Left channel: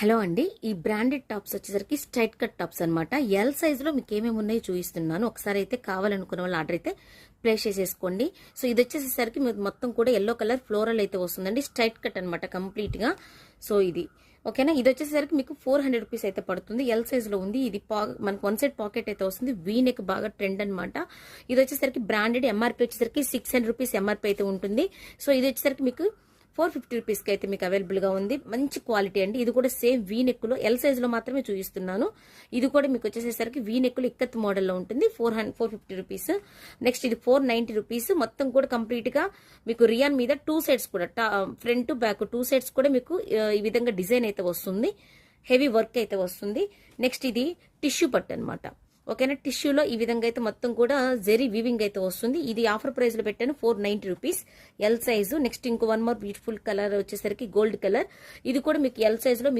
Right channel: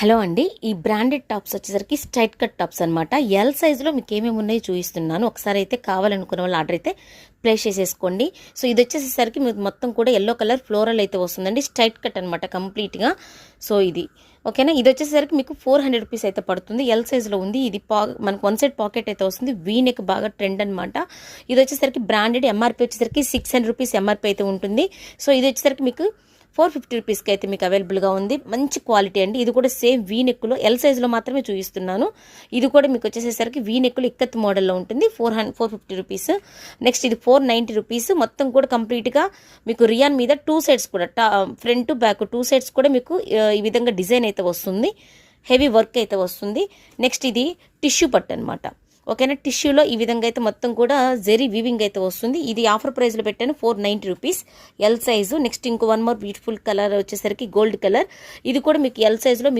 Hello అండి. ఈ branded tops వచ్చేసరికి స్ట్రైట్ కట్ టాప్స్ అనమాట. ఎల్ సైజులో మీకు ఏమేమి ఉన్నాయో చూపిస్తున్నాను. ఒకసారి అయితే కావాలనుకున్న వాళ్ళు ఆర్డర్ అయితే ప్లేస్ చేసేసుకోండి. సో ఇది వచ్చేసేసరికి మీకు మొత్తం కూడా ఎల్లో కలర్ ఫ్లోరల్ అయితే వస్తుందండి. స్ట్రైట్ కట్ అనమాట కంప్లీట్గా. సో ఇది ఓకేనా. ఇది వచ్చేసరికి మీకు 400 రూపీస్ అయితే పడుతుంది. ఎల్ సైజులో ఉంది. ఇది మనకు వన్ సైడ్ పాకెట్ అయితే వస్తుంది. వీ నెక్ బాగా ట్రెండ్ అనమాట. ఇది వచ్చేసరికి బ్రాండెడ్ ఎంఆర్పీ వచ్చేసరికి 600 రూపీస్ ఎంఆర్పీ అయితే ఉంటుంది. సో ఇది వచ్చేసరికి మీకు 450 రూపీస్కి అయితే మీకు అవైలబుల్గా ఉంది. మంచి క్వాలిటీ అండి. ఇది కూడా సేమ్ వీ నెక్లో ఎల్ సైజులో మాత్రమే చూపిస్తున్నాను. ఇది కూడా మీకు వచ్చేసేసరికి వీ నెక్లో ఇక్కత్ మోడల్లో ఉంటుంది. 450 రూపీస్. నెక్స్ట్ ఇది 490 రూపీస్. మొత్తం కూడా కంప్లీట్గా మీకు రియాన్ మీద టూ సైడ్స్ కూడా ఫ్రంట్ బ్యాక్ టూ సైడ్స్ కూడా మీకు ఈ విధంగా డిజైన్ అయితే వస్తుంది. హెవీ వర్క్ అయితే వస్తుంది. నెక్స్ట్ ఇది టిష్యూ పట్టు అనమాట. ఓకేనా. టిష్యూలో ఈ విధంగా అయితే మొత్తం కూడా జెరీ వీవింగ్ అయితే వస్తుంది. ఇది ఆఫర్ ప్రైస్లో పెట్టాను 490 రూపీస్ ఎల్ సైజు. నెక్స్ట్ ఇంకో వన్ మోర్ బ్యూటిఫుల్ కలర్ వచ్చేసరికి గోల్డ్ కలర్. ఇది కూడా మీకు ఎల్ సైజులో